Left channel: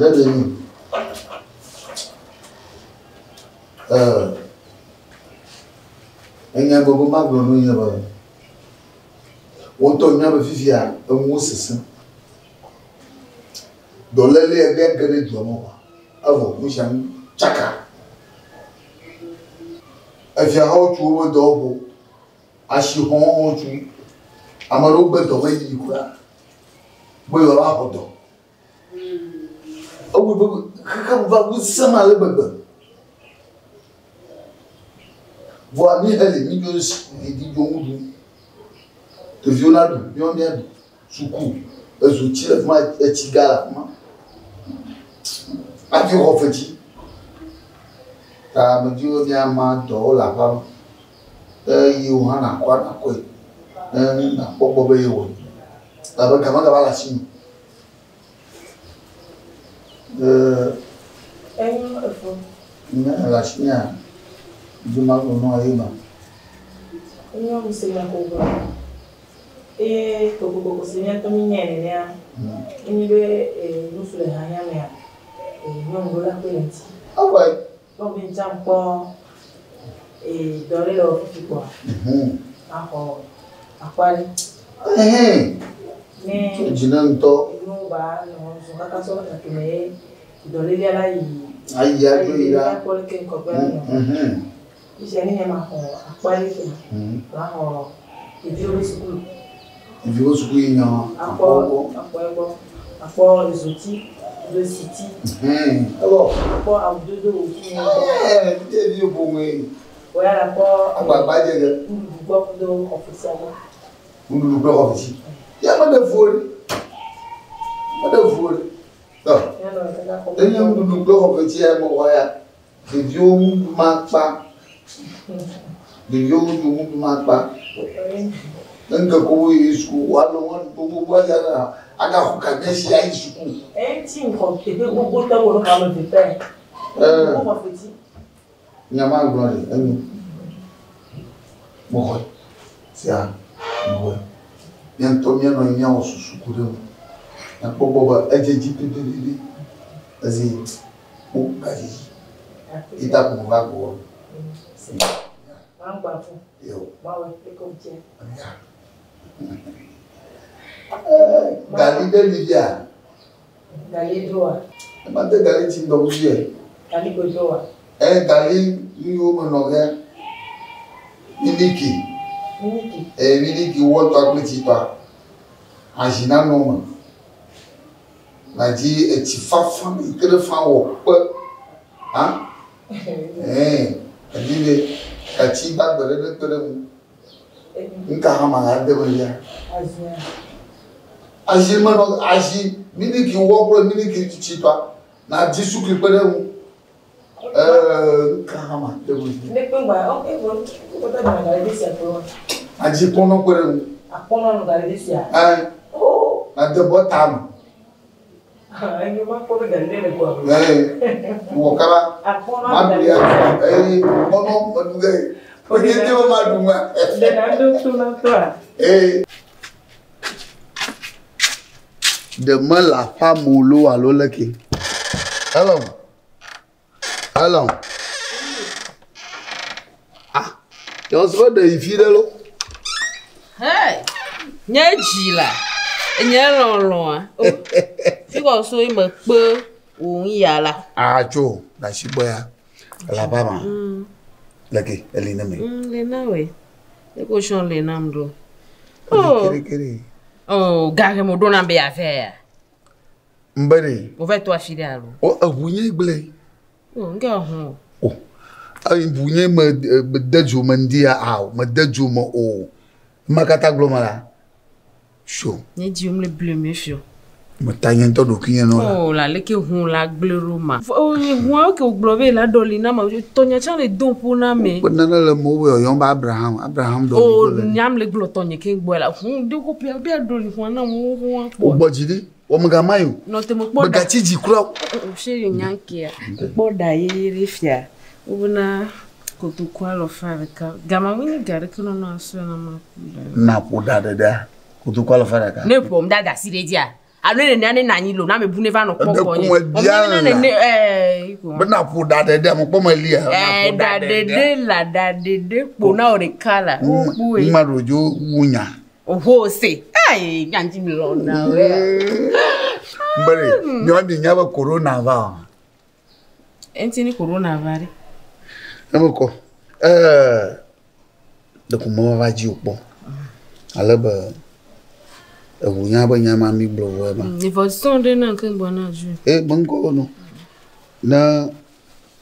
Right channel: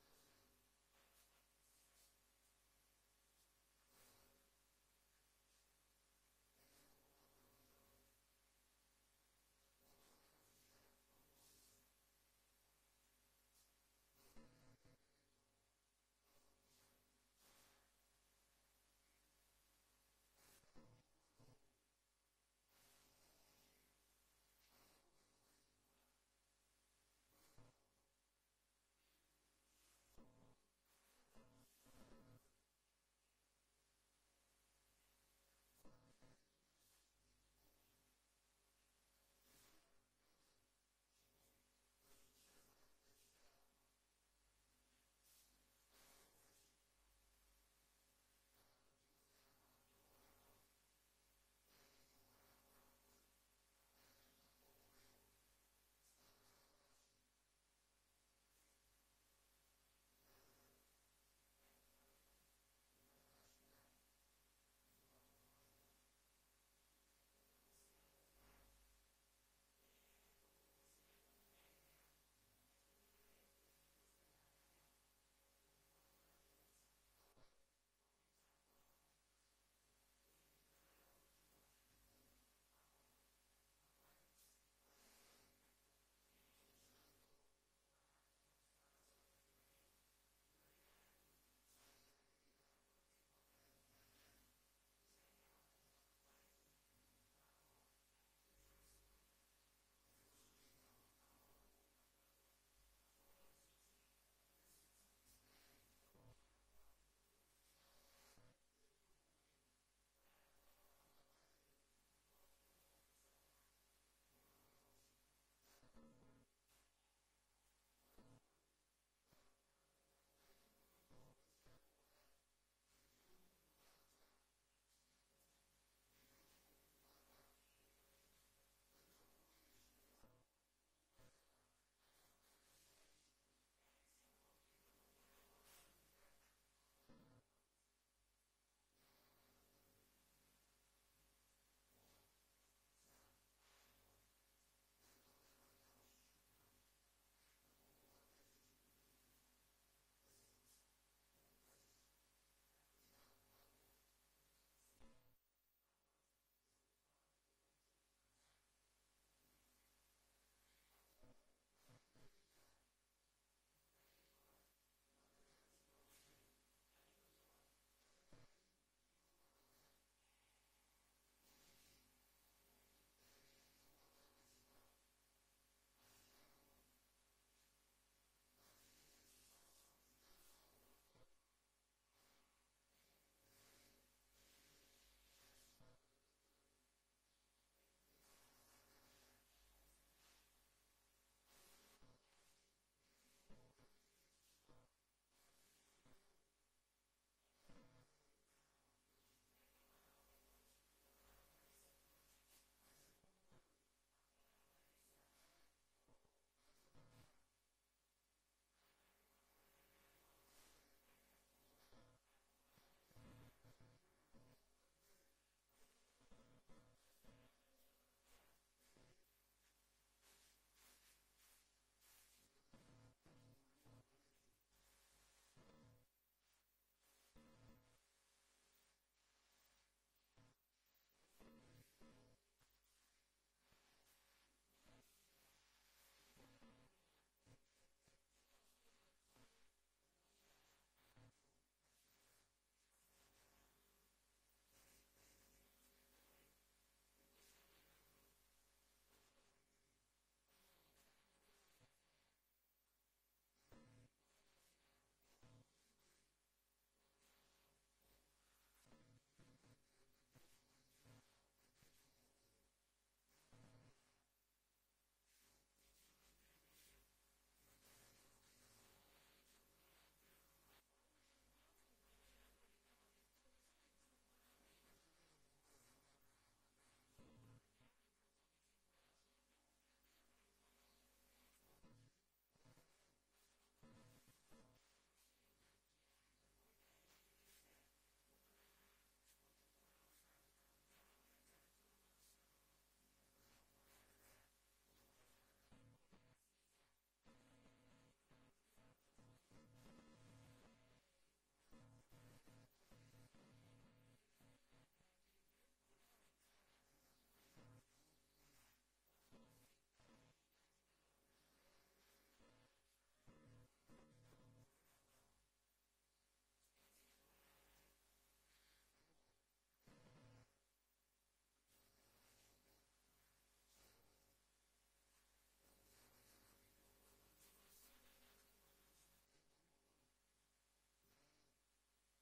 let me. Enya gogo magro no nya ba. Wonto nya ba fifia enwo sese. Dolele ebe gere jomo ba. Avo mushan chaka. Afia how to wo do ashi hon tu. Amaro gbe do we yi kura. Boyo la hodo. Owo bo kaka va wusama le bebe. Voa mi elle mi Dios e di jomudu. Te vionado, bionado. Suku. Ezo tire ma etigala ma. Ati o feti. Ta me dio mi ama do la pa. Yi o hana kwa na ko. Na popo be yo. Ta ba kama ga la shin. La shin Juma no ayima. Enyo musema ko ko sinya to minyene ya. Enyibe nusule hanya me ya. Nyo ngola kwenti. Alright. Ko bin champo dole lo fipo. Ako akwari. Ne Jinanto. No ba no so kaka so na tume dole ya la yi. Aya jo ira. Ko ke ko ba no. Iṣẹ́ ní ma ko apari fún la ho ìdíwọ́ school Ìdíwọ́ school yan àpọ̀ ìzòtí le city alors àpọ̀ àwùjọ òfin bí o bo me o ya àpọ̀ àgbàgbà je ge gbọ́ do officiel unu do officiel ya ma de fori ya no ka ko enya unu do officiel mo wa ya de o ma pa de yo mu ma pa nanga ko yi school walo wan to bo ya na aga ko ka ne shi ai school ti nko te pe gbogbo to wo ka lo de pe ko mo feti nyama glory enu mo ko sia mo yan to mi no nya o susu ku de na ko boba ejeji pipiri azi o ka ji ita ko va ko Mangba fún. Yo. Bawo pe ko je. Gali de Livia. Gali doa. Ma de gali ti ndo buye. Gali go doa. Gali ni o mo no ge. Miliki. Miliki wo to agbeti pa. Ajina no mo. Na ji e ti fafa ikere fa wo pe. Ha? Adibe kati ba gbere mu nka ha ma ga de bo ya aji ma no aji miniki wo pro miniki chipa na ji su ki gbere mu nka ha ma de bo ya ne pe gba o e bo ko ta na ga de sia pro aji pono gbere mu apono no ga de sia na de bo tam Ayo ma ko ga le ko wo kala ma bi ya pono mo duge o ni te o ma du ma de na do tu na to de ma la femme lo alo leki hello yo so de ifire lo nye jila nye lolo fi ko so imo pe ohun ya la ajo na shiboya la baba leki elina me le na we e ko shon le namdo kere gare mo dona be affaire mbere o fait toi filer alo abunye igle nga ho ai bunye me deju mandia me deju mo makata glomala show ni di le bleu me fio mo tanyen to do kinye no la leke hun la glero ma hun ke oglobe la dolina ma to nya chan le don pour na me nana le mo we yon ba abraham do nyam le glo to nye ke gbo la hun de ko pe doli hun na mo hun po gbojide o mo ga mayo no te mo po ga tiji kura she nyanke po da yiri fia ubuna ko to kwa lo fa ka gama wini gare kono no aso na ma na po da ko to kwa lo fa ka ne po mda ga sire dia alo ne nane nanyi lo na me bu ne va no poko ni bena pu da de mo po mali da de po na o de kala bu e ma rojo wunya oho se ai ganji mi lo na we mbere nyo bi nya ba corona va enti ni corona vari amko de ko mo va ji opo alaba wunya ba nya ma mi blo wa ba ni fo sonde na kan bona ju bango no na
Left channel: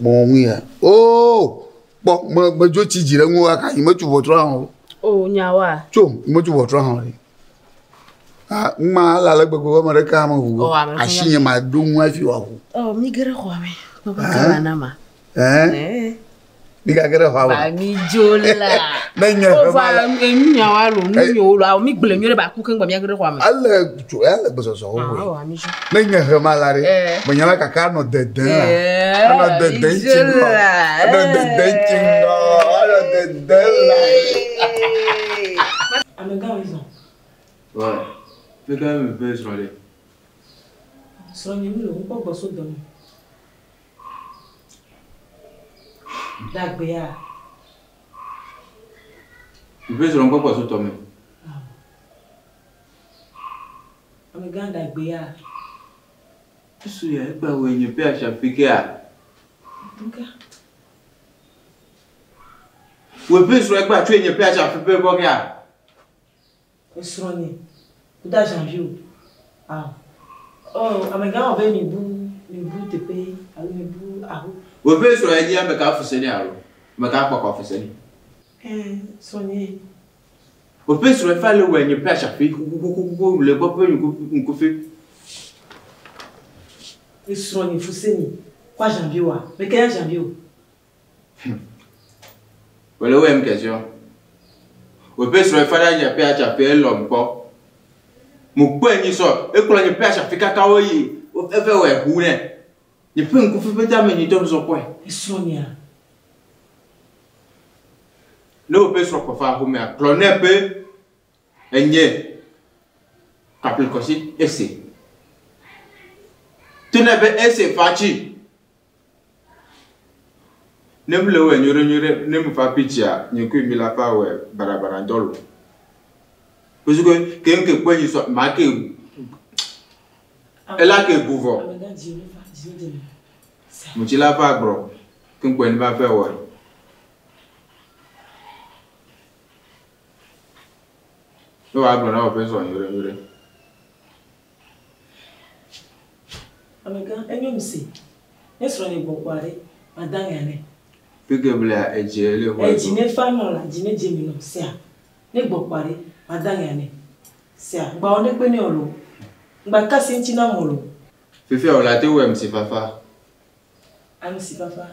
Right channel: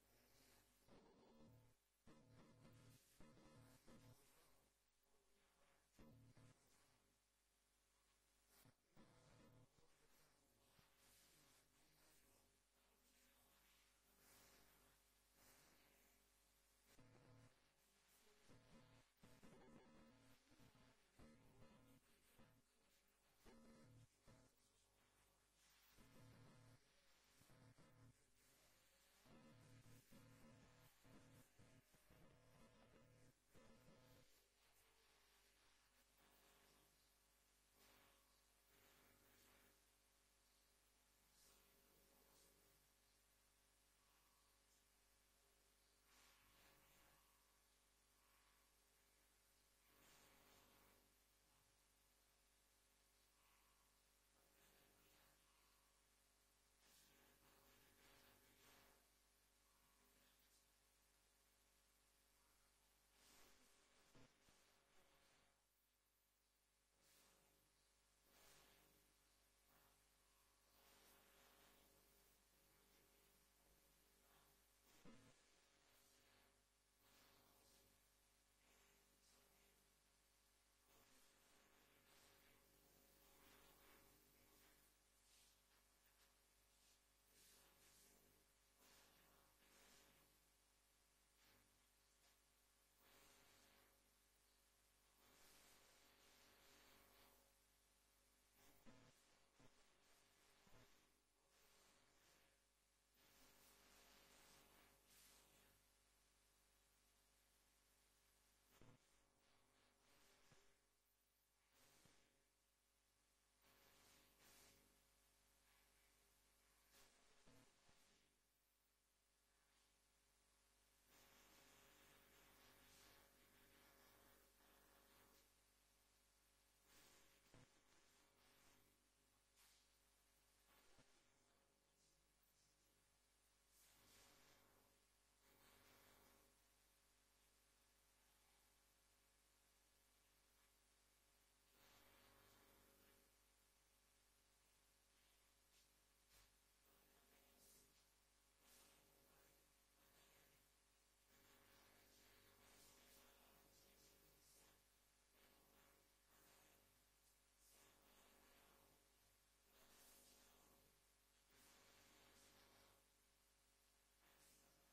mo ya oh bo mo jo ti jire nwo aka yi mo tu bo tro han o nyawa cho mo tu bo tro han ma la la gbogbo mo re ka mo hu ashiye ma do nwa fi wa hu mi gere ko me ko ba na ma mi ga gere ho ba mi jola na nya o fa nyawa lo nu yo lo mi gbele mi re ba ku kan gba mi gere ko me ala bo so so ho na nya he ma la re mo nya ka ka no de de ala de de chingo ala de de chingo ala de de la Améga ils ont ouais fait quand même un peu sur les soigné mi lo ko gbo so do mi dagbe ya un peu sur encore pas sur toi même Améga dagbe ya isso é para o enye pe acha ficar nka o peu sur pas tu enye pe acha fi pe ko ya soigné da janvier oh Améga on va mi bu te pe ali mi bu aho o peu sur enye me ka fuseni aro me ka pa ko fuseni soigné o peu sur fa le enye pe acha fi ko le ko pe ko fi soigné fuseni kwa janvier wa mais quel janvier voilà ouais une question o peu sur fa la enye pe acha fi l'homme ko mo gbe ni so e ko enye pe acha fi kaka wo yi o fe we hu ne ni pe nku fi pe ta me ni to so ko soigné no pe so ko fa hu me cloner pe enye kapil ko si ese tune be ese fachi nem le we nyore nem fa pichia ni ku mi la fa we barabara ndolo parce que quelqu'un peut y soit marqué elle a que pouvoir muti la fa bro kin ko ni ba fa we no wa bro na o pe so nyore Améga enyo mi se e soigné bokware madan ya ne peke bla ejele ho jine famo la jine jemi no se a ne bokware madan ya ne se a gba o ne pe ni olo gba kasi nti na mo lo fefe o la te we msi fafa ami si fafa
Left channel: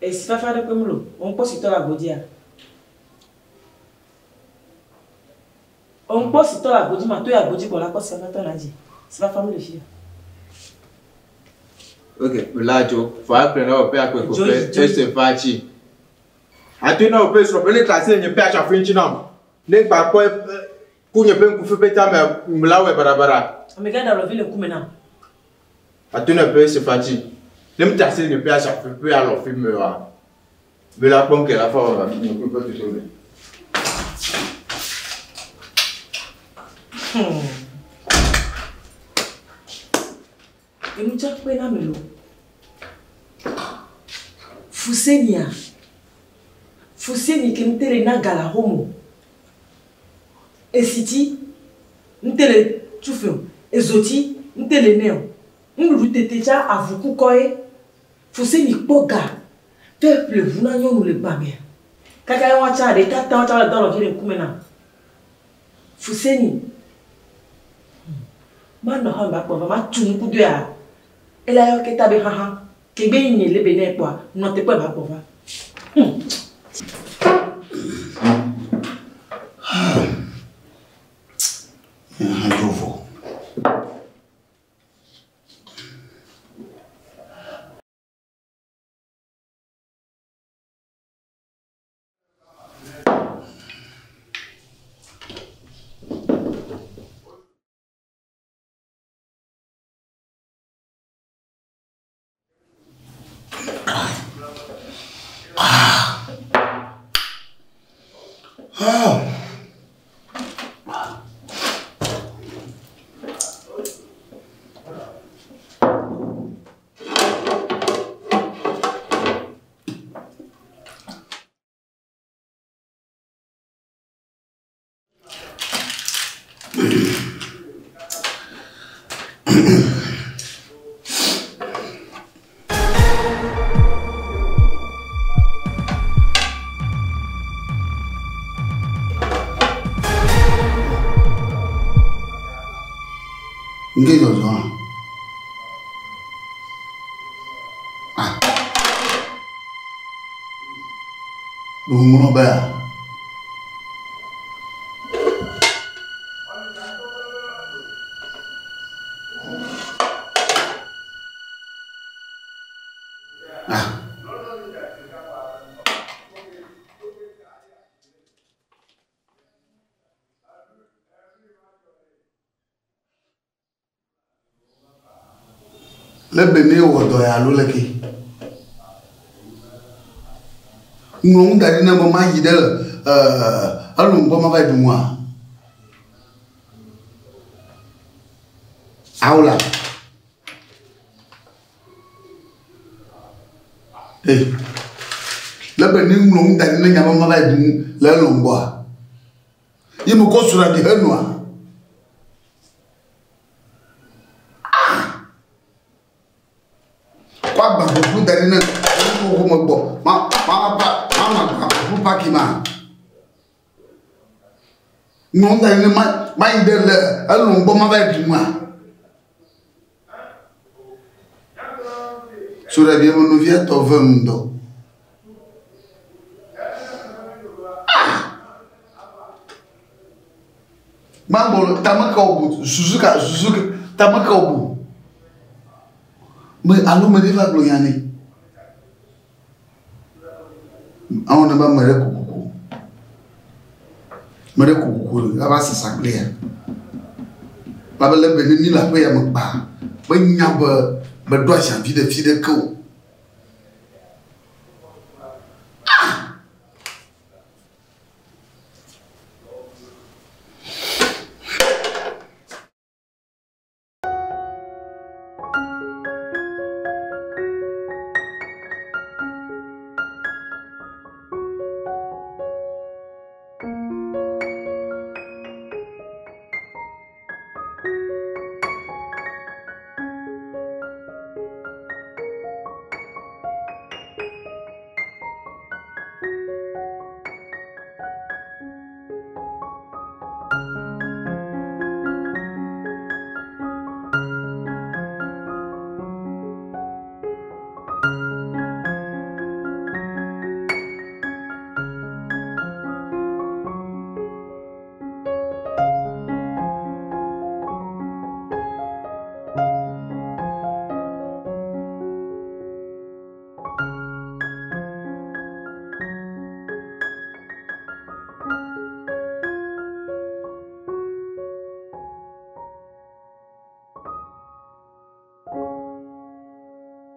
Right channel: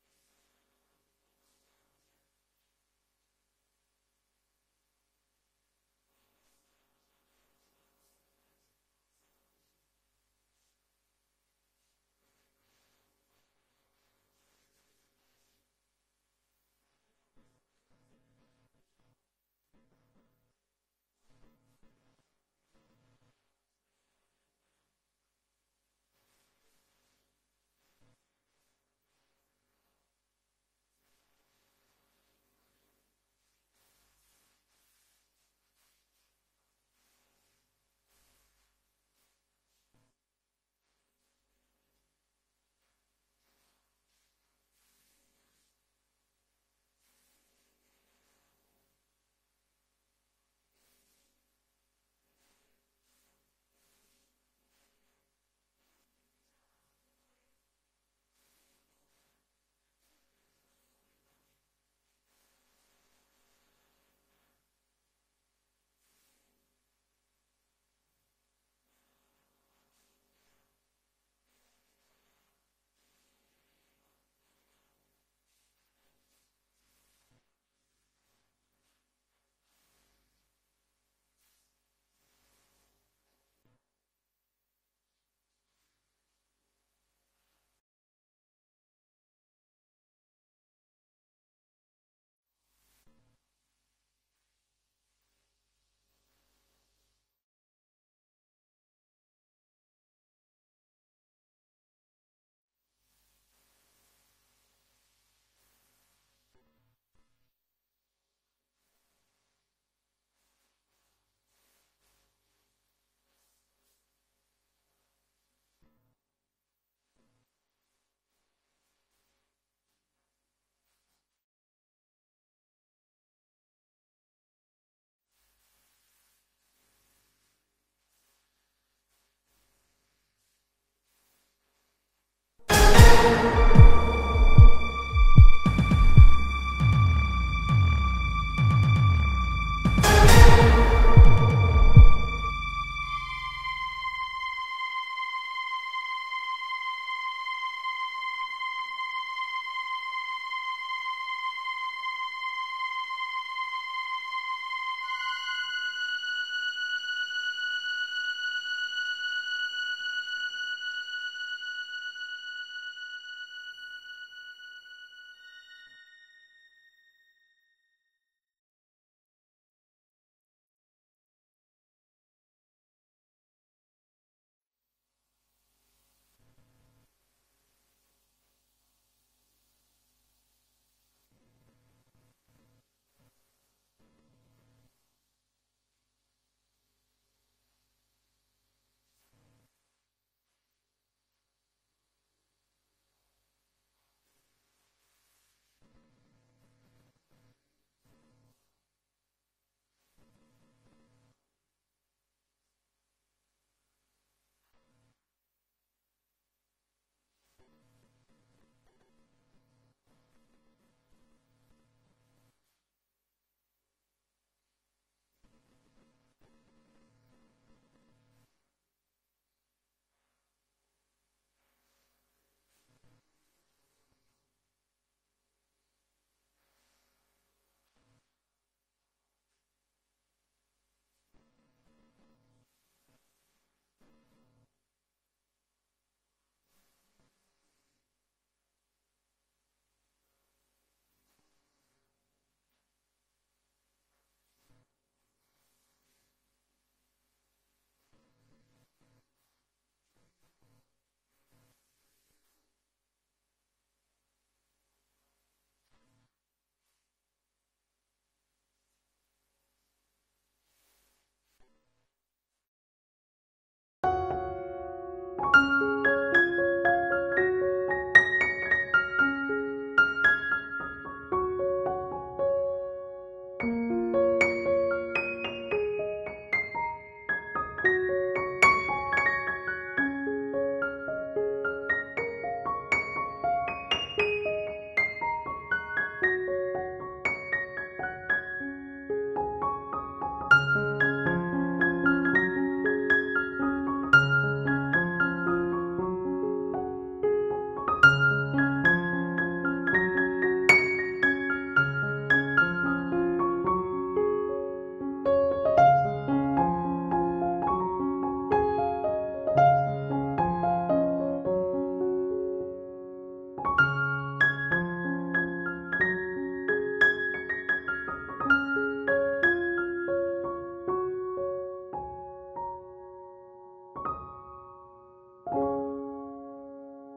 e si fafa de pe mo lo on po si to la godi a on po si to la godi ma to ya godi ko la ko se na to na ji si fafa mo le fi ok la jo fa prendre o pe akwe ko pe ese fachi atu na o pe so pe le classe ni pe acha finchi na le gba ko ku nye pe ku fi pe ta me mlawe barabara Améga da lo vi le ku me na atu na pe ese fachi le mtase ni pe acha fi pe alo fi me wa be la pon que la fa va ni ku pe to le Emucha pe na melo Fuseni ke mtere na gala homo esiti mtere chufio ezoti mtere neo ngulu tetecha avuku koe Fuseni poga peuple vuna nyonu le bamia kaka wa cha de tata wa cha la dolo vile kumena Fuseni mano hamba kwa ma tunku de a ela yo ke tabe haha ke be ni le bene kwa no te kwa ba kwa Nge jojo. Umuno ba. Lebe ne wodo ya lo leki. Ngong dari na mama yidel alumbo ma ba dumwa. Aula. Lebe ne ngong dari na nyama ma ba dum la lombo. Yimu ko sura di henwa. Kwa ba bu dari na ko mo bo ma pakima non dari na ma indele alumbo ma ba duma sura bi mo no via to vendo mambo tamaka obu suzuka tamaka obu me alo me deva gloyane awon ba mere kukuku la ba sasaglea ba le be ni la pe ya mo pa ba nya ba do sha fi de ko